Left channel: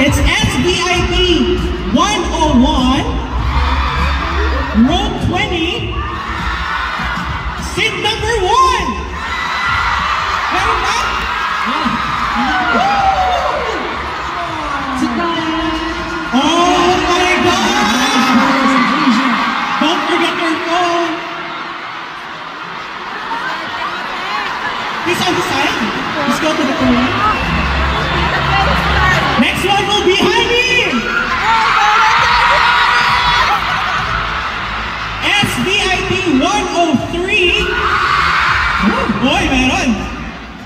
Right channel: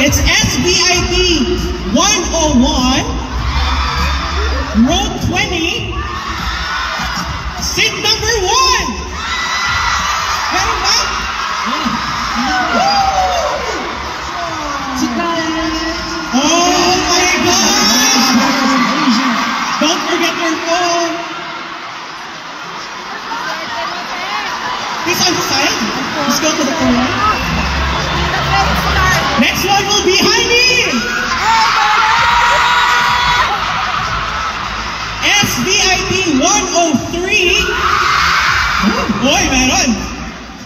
It's SBIP 101, row 20, seat number 1. Meron ba? Oh my God! Don't forget your phone. Please on the side. Let's go to the corner. Next one will be Heidi. SVIP 103. Boy, meron.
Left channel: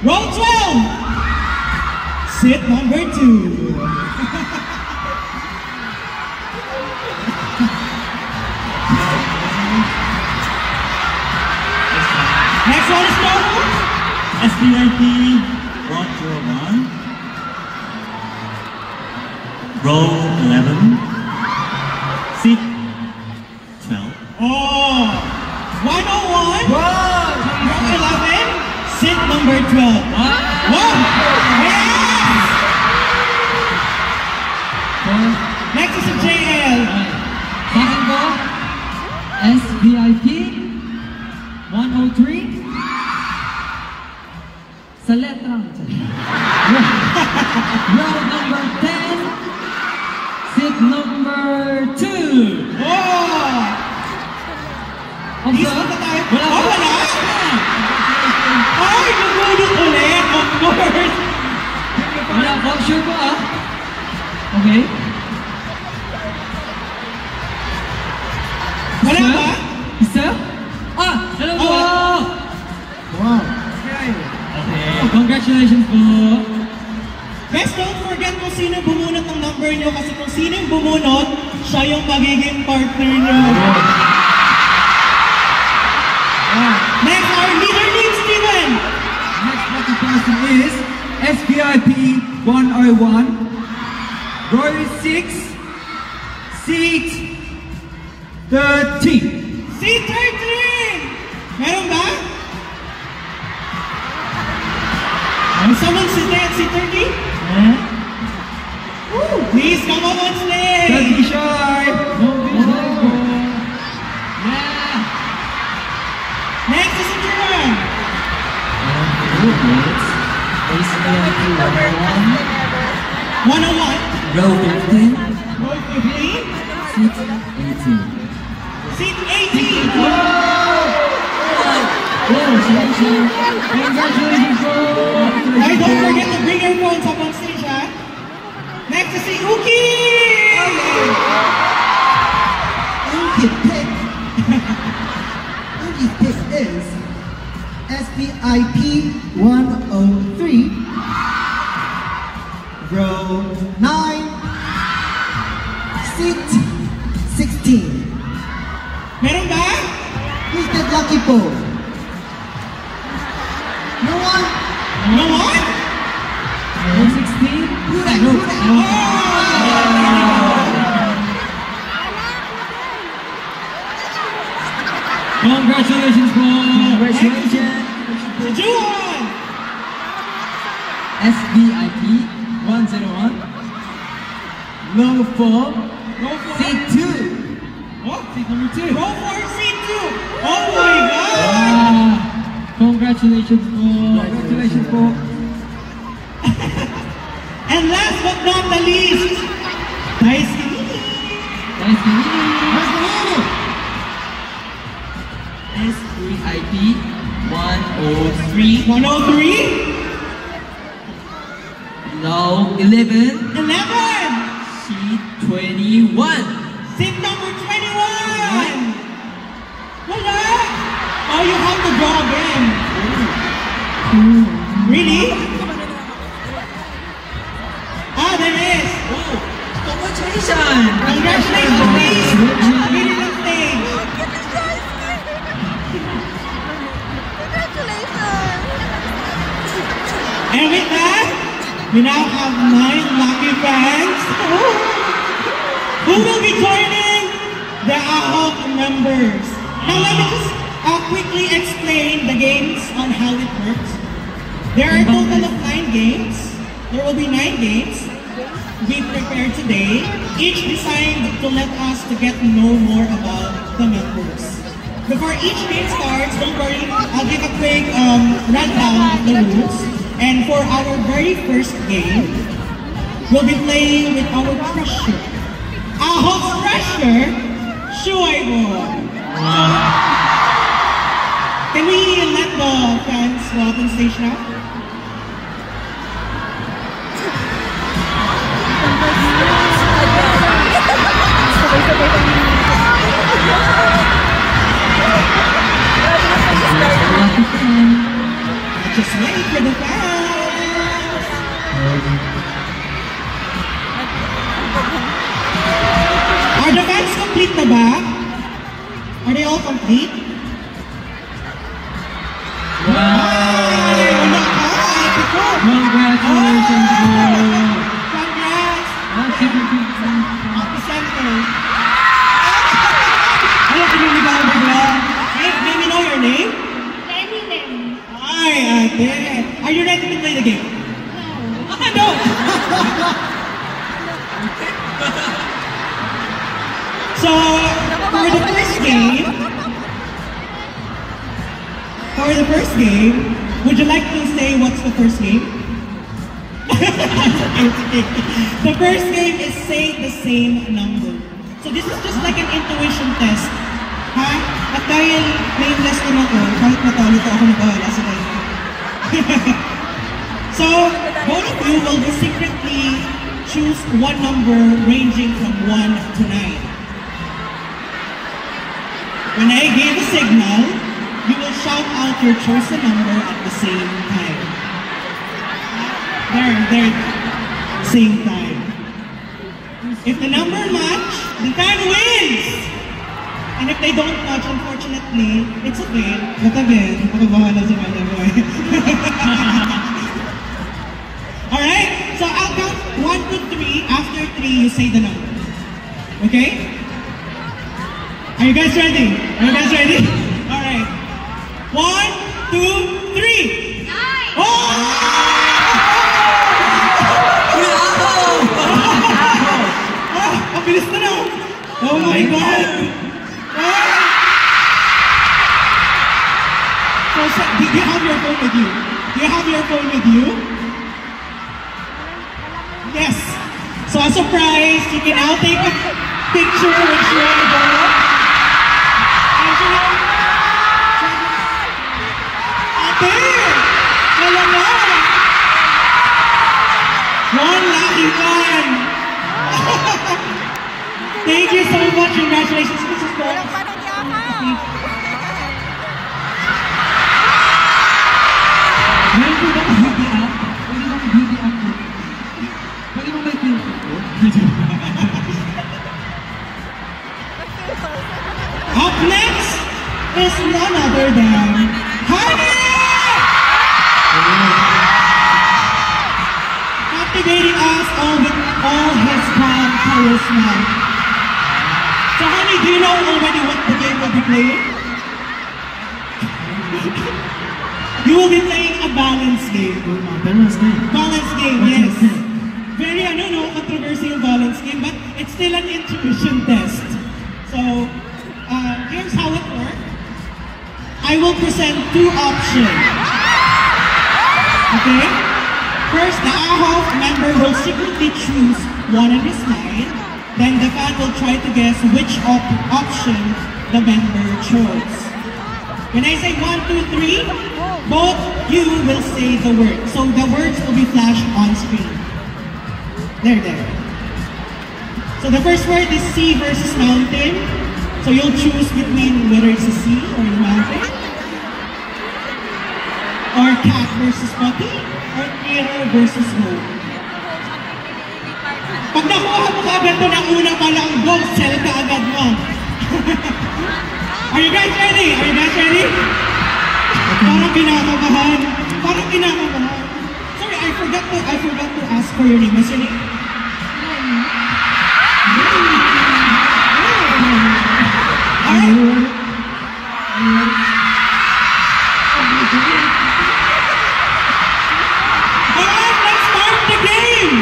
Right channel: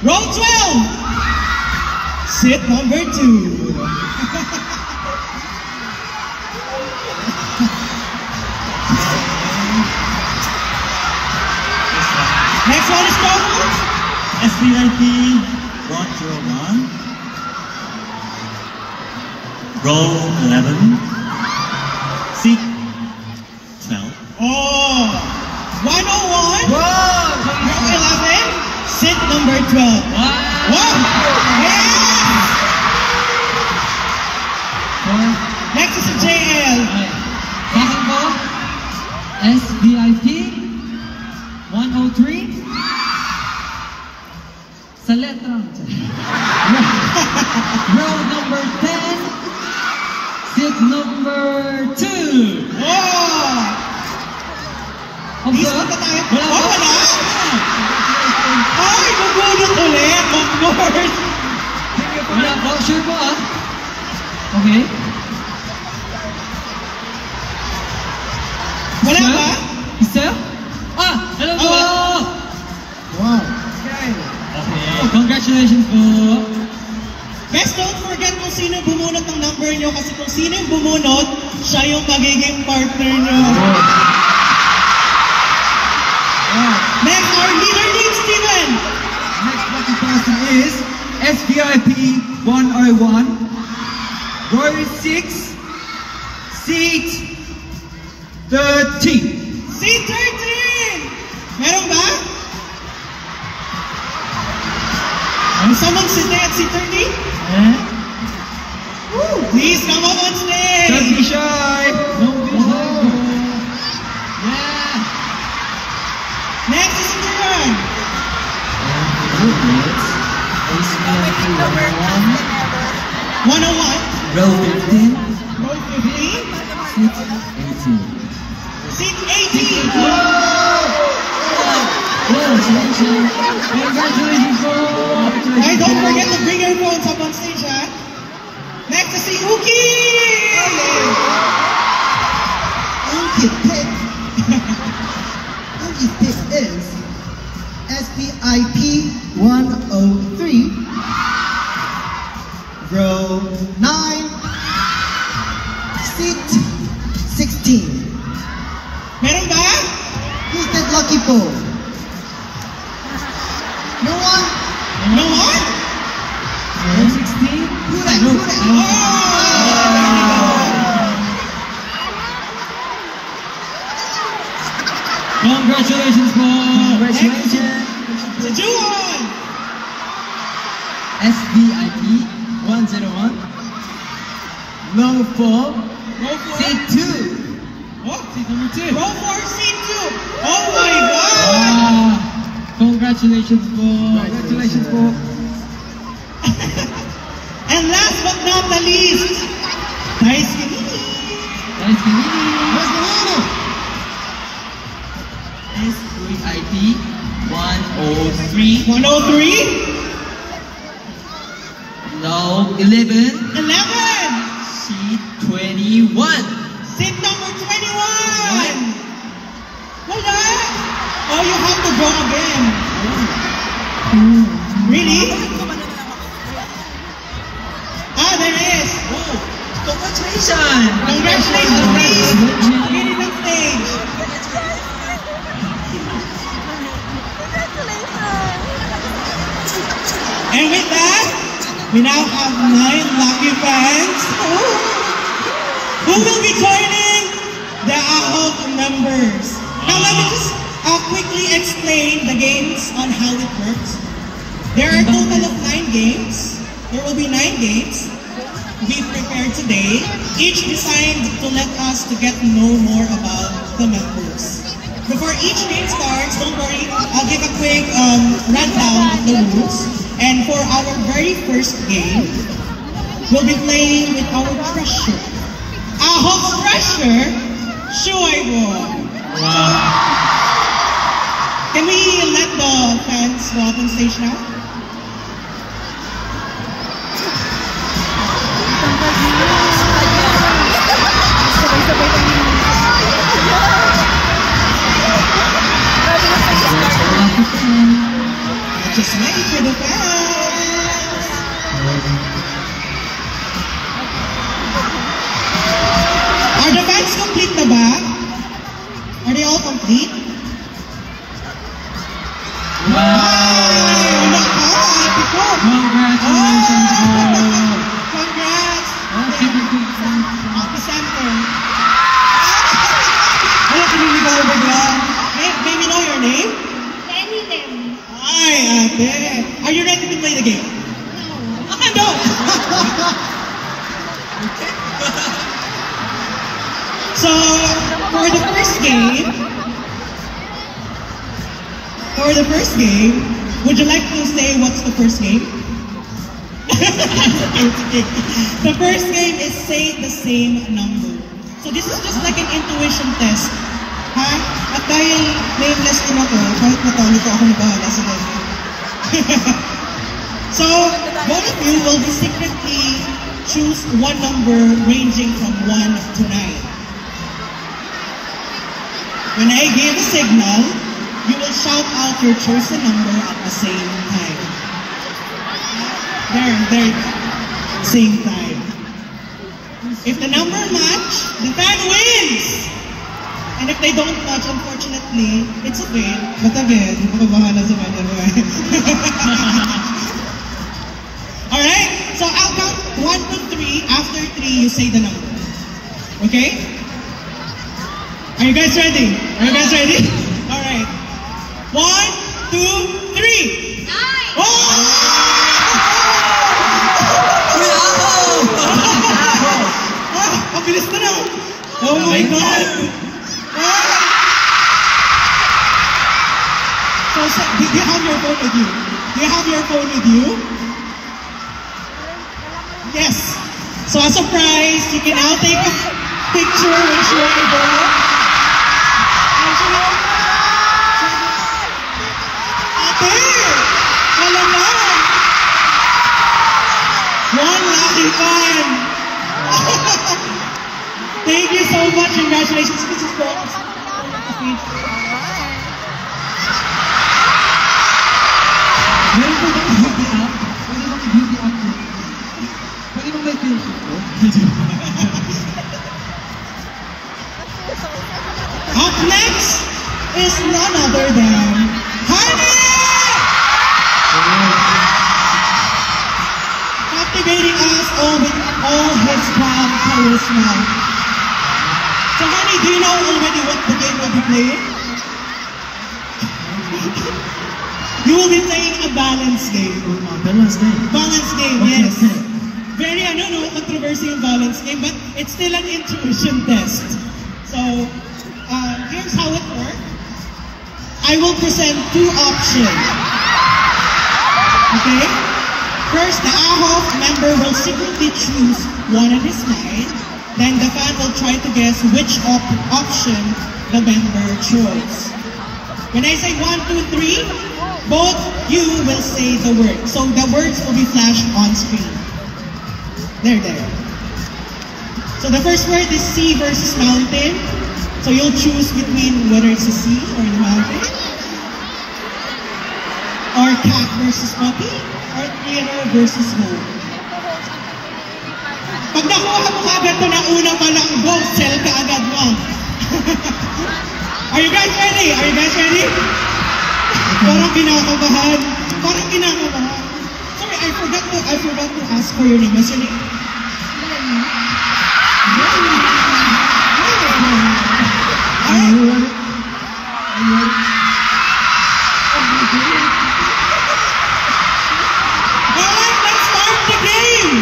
Row 12. Sit number 2. Next one is Tomo. SVIP 101. Row 11. Seat 12. Oh, 101. Wow! Row 11. Sit number 12. Wow! Yes! Next is a JL. Bago, SVIP 103. Sa letrang. Row number 10. Seat number 2. Oh! Isa na tayo. Oh, wala? Ay, magulat ulit. Of course. Wala ko. Sure ba ah? Okay. Wala ba? Isa? Ah! Hello po! Oh. Wow! Okay. Oh, congratulations po! Guys, don't forget kung sino bumunot ng number nyo kasi kung sino yung bumunot, siya yung magiging partner nyo. Next, our leader leads Steven. Next lucky person is SVIP 101, row 6, seat 13. Seat 13! Meron ba? Someone sitting at seat 30? Please come up on stage! Don't be shy! Don't be shy! Yeah! Next is Jiran! SVIP 101, 101, row 15, row 15, seat 18. seat 18! Congratulations, bro! Alright, don't forget to bring your phones up on stage, ha? Next is si Uki! Uki pick. Uki pick is SPIP 103, row 9, seat 16. Meron ba? Who's that lucky po? No one? No one? Row 16? Who that? Who that? Congratulations, bro! Congratulations. Si Juan! SVIP 101, row 4, Row 4? seat 2. Oh, seat number 2. Row 4, seat 2. Oh my God! Congratulations, bro! Congratulations, bro! And last but not the least, Daisuke. Nice to meet you! SVIP 103, 103, row 11, 11, seat 21. seat number 21. Wala. Oh, you have to draw again. Really? Ah, there is. Congratulations! Congratulations, please. Really good stage. And with that, we now have 9 lucky fans who will be joining the AHOG members. Now let me just quickly explain the games on how it works. There are a total of 9 games. There will be 9 games. we prepared today, each designed to let us to get to know more about the members. Before each game starts, don't worry, I'll give a quick rundown of the rules. And for our very first game, we'll be playing with our treasure. Ahok's treasure, Shuaibo. Can we let the fans go up on stage now? Just wait for the fans. Are the fans complete na ba? Are they all complete? Wow! Congratulations, Congrats! Happy center. Ano piniligaw mo ba? May we know your name? Hi, ate. Are you ready to play the game? No. No. So, for the first game, would you like to say what's the first game? The first game is say the same number. So this is just like an intuition test. Ha? At dahil nameless ko na to, kahit natalo ko ako nagbahala sa kayo. So, both of you will be secretly choose one number ranging from 1 to 9. When I give a signal, you will shout out your chosen number at the same time. There, same time. If the number match, the fan wins! And if they don't match, unfortunately, it's okay. But again, makabahala sa kanya. Alright? So I'll count 1 to 3. After 3, you say the number. Okay? Are you guys ready? Alright. 1, 2, 3! 9! Oh! Ang bilis na na! Oh my God! So, do you have your phone with you? Yes. So, as a surprise, you can now take a picture with Shuaibo. Ate! Wala na! One lucky fan! Thank you so much. Congratulations, Mrs. Bones. Meron po bang beauty app? Pwede bang may filter po? Up next is none other than Honey! Captivating us all with all his calm charisma. So Honey, do you know already what the game will be playing? You will be playing a balance game. Balance game? Balance game, yes. Very, I don't know, controversial yung balance game, but it's still an intuition test. So, here's how it works. I will present 2 options. Okay? First, the Ahok member will secretly choose one of his mind. Then the fan will try to guess which option the member chose. When I say 1, 2, 3, both you will say the word. So the words will be flashed on screen. There. So the first word is sea versus mountain. So you'll choose between whether it's a sea or the mountain. Or cat versus puppy. Or hero versus home. Pag nakuha mo agad ito ng una pa lang, go, sell ka agad mo. Are you guys ready? Parang kinakabahan. Sorry, I forgot to ask for your name. What's your name? Alright, let's start the game!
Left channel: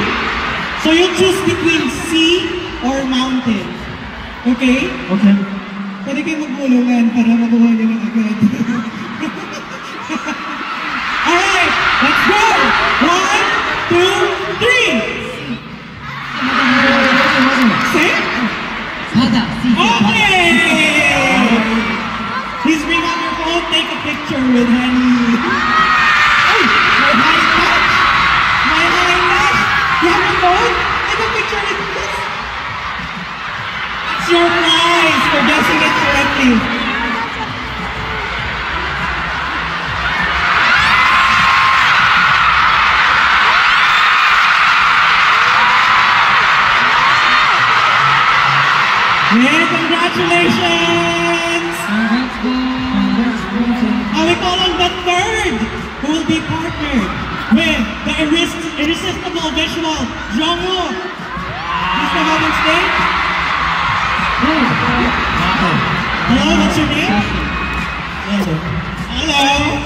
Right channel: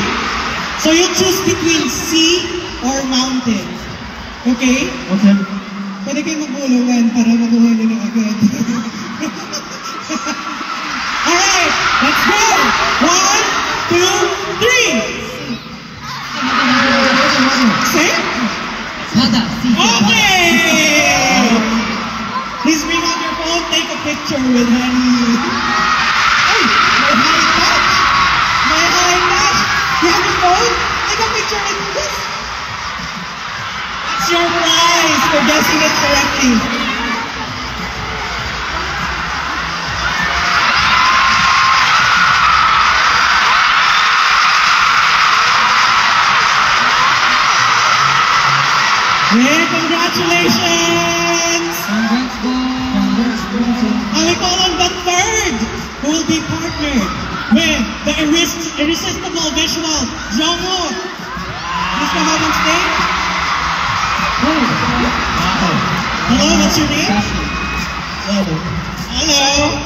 So you choose between sea or mountain. Okay? Okay. Pwede kayo magbulungan para makuha nyo na agad. Alright, let's go! 1, 2, 3! Same? 바다. Okay! Please bring out your phone, take a picture with Honey. Hey, my high touch! My high touch! You have a phone? Take a picture with this. That's your prize for guessing it correctly. Yeah, congratulations! And we call on the third who will be partnered with the irresistible visual, Jongwoo. Please come out on stage. Hello, what's your name? Hello.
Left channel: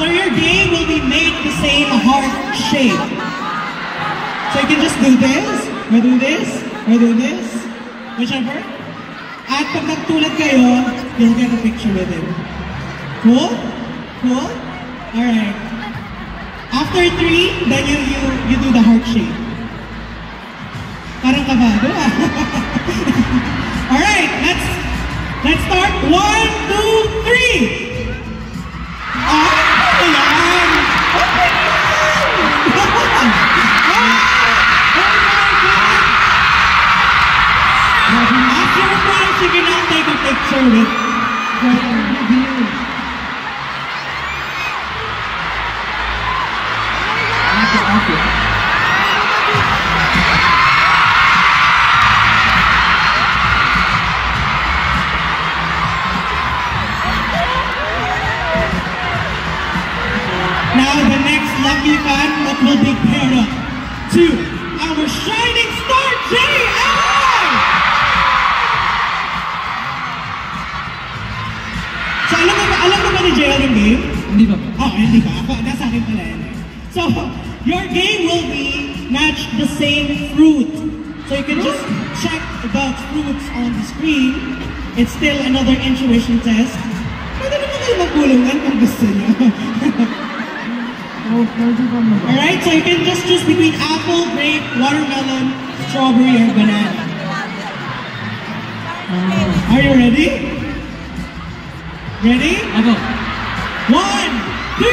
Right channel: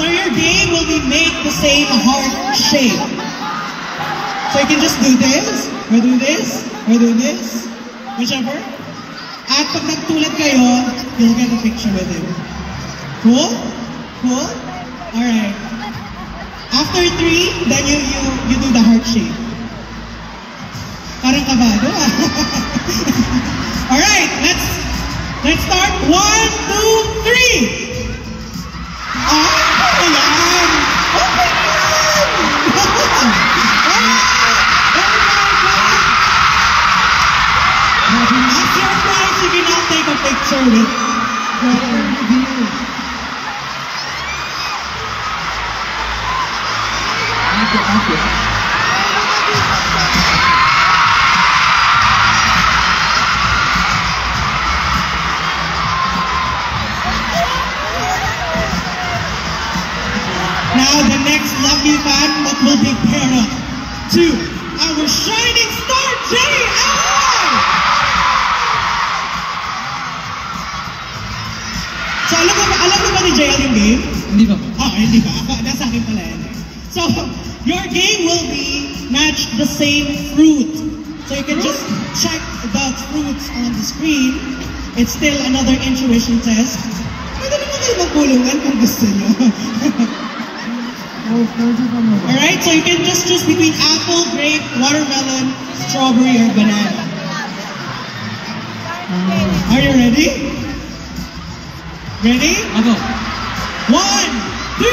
So your game will be make the same heart shape. So you can just do this, or do this, or do this, whichever. At pag nagtulad kayo, you'll get a picture with him. Cool? Cool? Alright. After 3, then you do the heart shape. Parang kabado ah. Alright, let's start. 1, 2, 3! Ah, ayan! Oh my God! As your prize, you can now take a picture with Now the next lucky fan that will be paired up to our shining star, J.I. So alam mo ba ni J.I. yung game? Hindi ba? Oh, hindi ba? Nasa akin pala yan. So, your game will be match the same fruit. So you can just check the fruits on the screen. It's still another intuition test. Pwede naman kayo magbulungan kung gusto nyo. Alright, so you can just choose between apple, grape, watermelon, strawberry, or banana. Are you ready? Ready? I'll go. 1, 2, 3!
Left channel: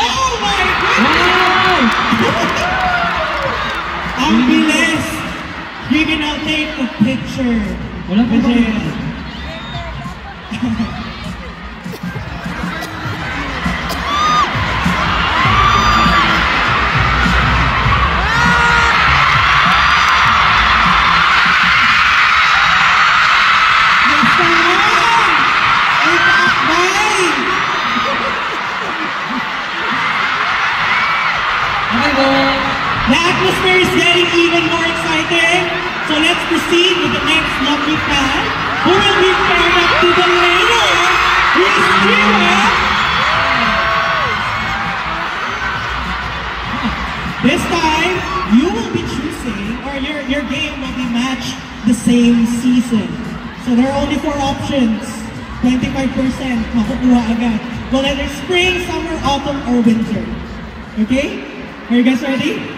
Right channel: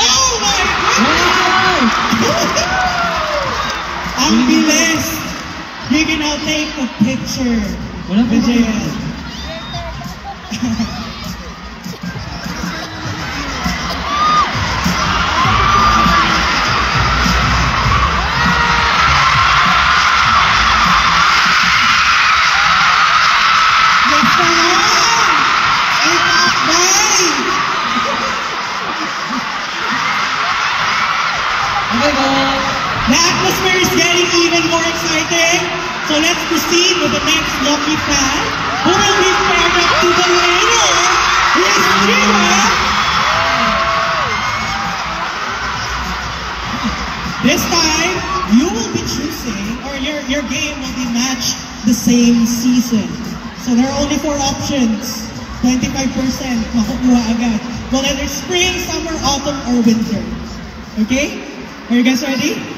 Oh my God! Ang bilis! You can now take a picture with J.I. The atmosphere is getting even more exciting, so let's proceed with the next lucky fan, who will be paired up to the winner, Miss Jiwa. This time, you will be choosing, or your game will be matched the same season. So there are only 4 options. 25% makukuha agad. Well, either spring, summer, autumn, or winter. Okay? Are you guys ready?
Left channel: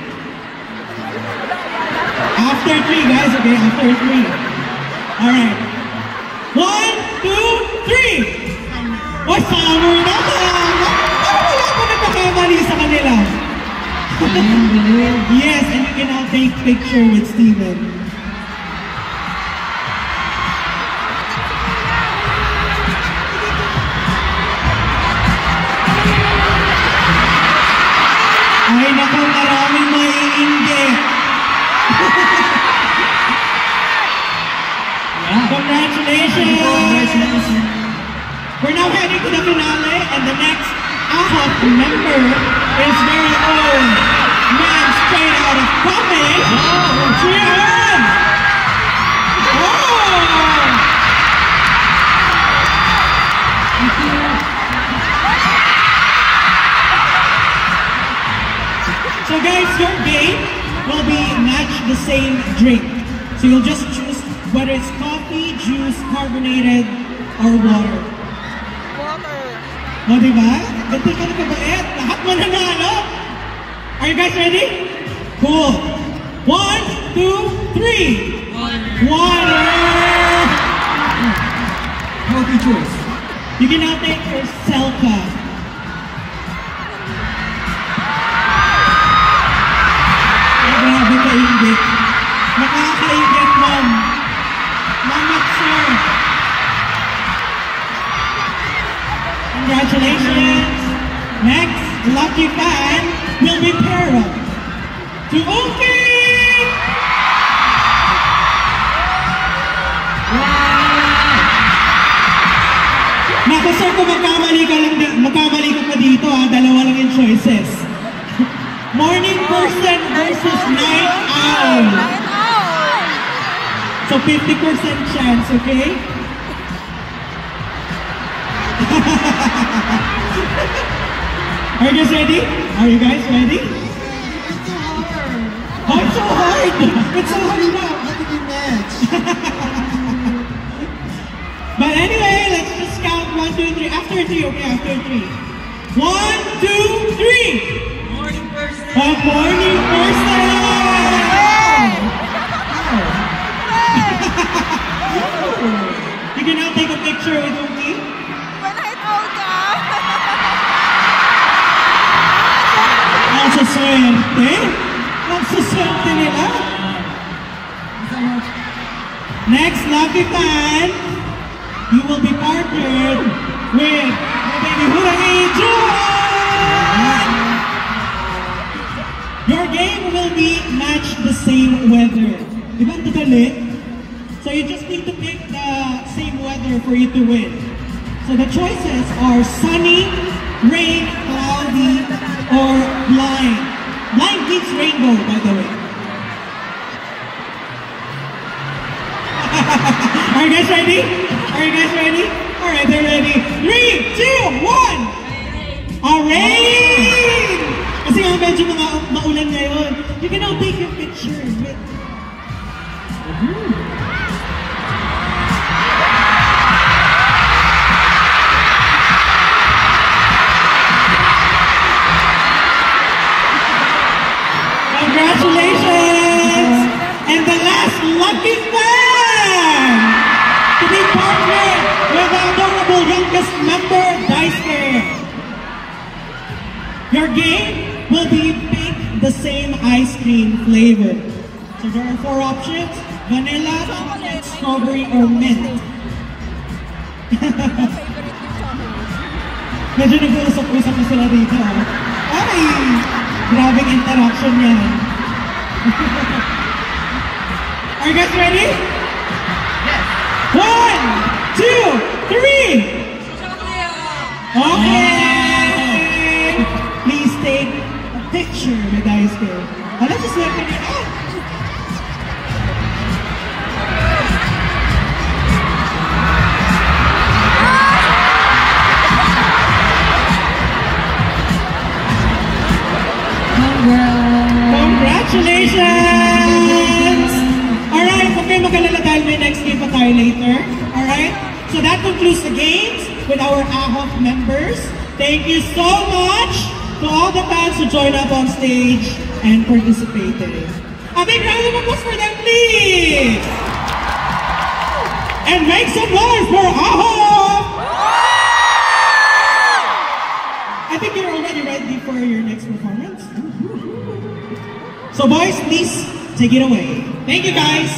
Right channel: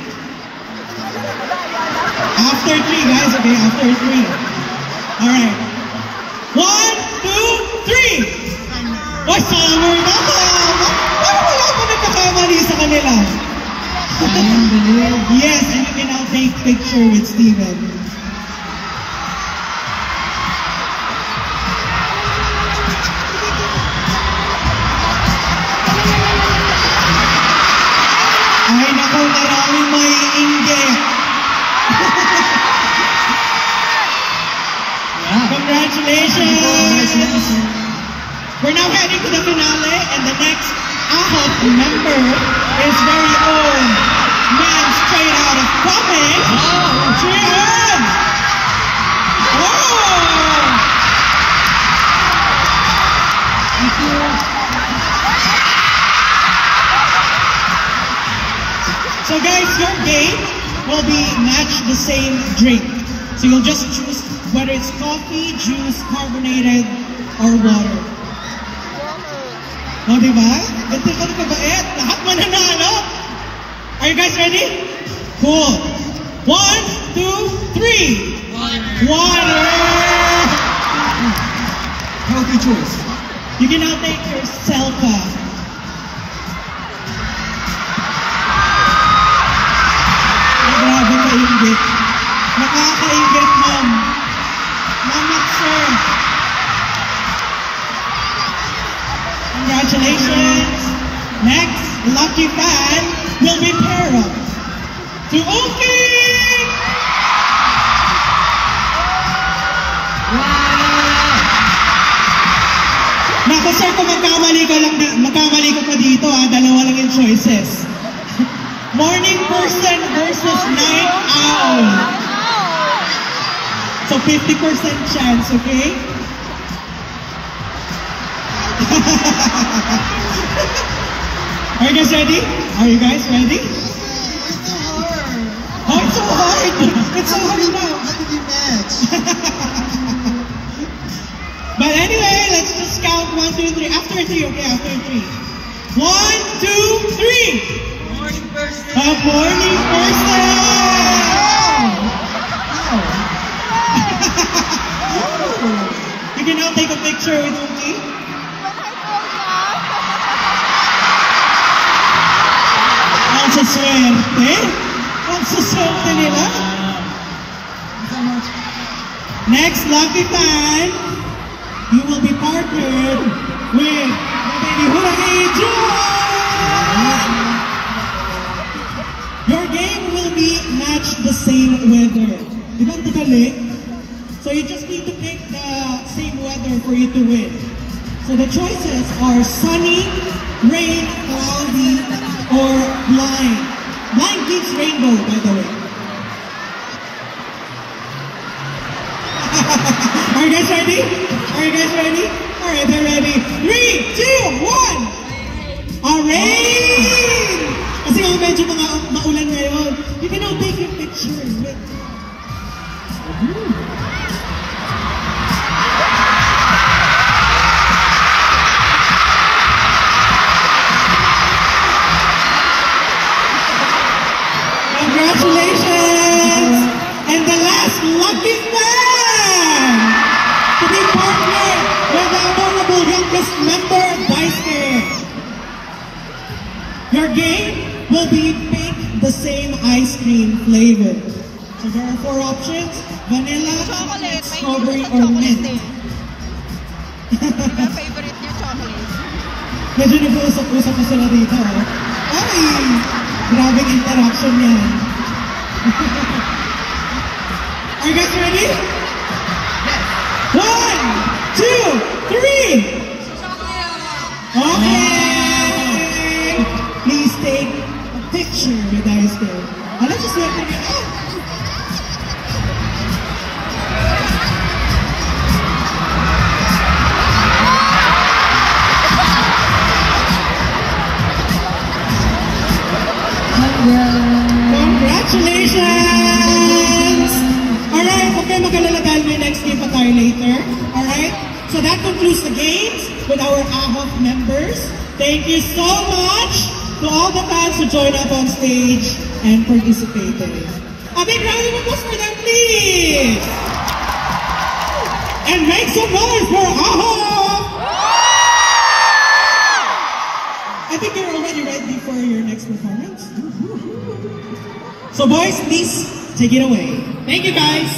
After 3, guys, okay? After 3. Alright. 1, 2, 3! Oy, salamor na ba? Wala ko nagkakamali sa kanila. Yes, and you can now take picture with Steven. Ay, naku, maraming may inggit. Congratulations! We're now heading to the finale, and the next AHOP member is very own man straight out of college, Jian! Oh! Thank you. So guys, your game will be match the same drink. So you'll just choose whether it's coffee, juice, carbonated, or water. O, diba? Ganito ka na kabait. Lahat mananalo. Are you guys ready? Cool. 1, 2, 3. Water. Healthy choice. You can now take your Selka. Grabe kaingit. Nakakaingit, ma'am. Mamat, sir. Congratulations. Next, lucky fan will be paired up to Oki. Naku, sir, kung magkamali ka pa dito, dalawa lang yung choices. Morning person versus night owl. So 50% chance, okay? Are you guys ready? Are you guys ready? It's so hard. Oh, it's so hard! It's so hard now! How did you match? But anyway, let's just count 1, 2, 3. After 3, okay? After 3. 1, 2, 3! Morning person. A morning person! You can now take a picture with Oki. Ang saswerte. Ang saswerte nila. Next, lucky fan, you will be partnered with Baby Hurray John. Your game will be match the same weather. Diba ang dali? So you just need to pick the same weather for you to win. So the choices are sunny, rain, cloudy, or blind. Blind beats rainbow, by the way. Are you guys ready? Are you guys ready? Alright, they're ready. 3, 2, 1! Rain! Kasi nga medyo mga maulan ngayon. You can now take your picture with... Congratulations! And the last lucky fan to be partnered with the adorable youngest member, Daisuke. Your game will be pick the same ice cream flavor. So there are 4 options: vanilla, chocolate, strawberry, or mint. Favorite yung chocolate. Medyo nag-uusap-usap na sila dito. Ay! Grabing interaction yan. Are you guys ready? Yes. 1, 2, 3! Okay! Please take a picture with Daisuke. Let's just let it out. Congratulations! Alright, okay, mag-alala tayo may next game pa tayo later. Alright? So that concludes the games with our AHOF members. Thank you so much to all the fans who joined up on stage and participated. A big round of applause for them, please! And make some noise for AHOF! I think you're already ready for your next performance. So boys, please take it away. Thank you guys.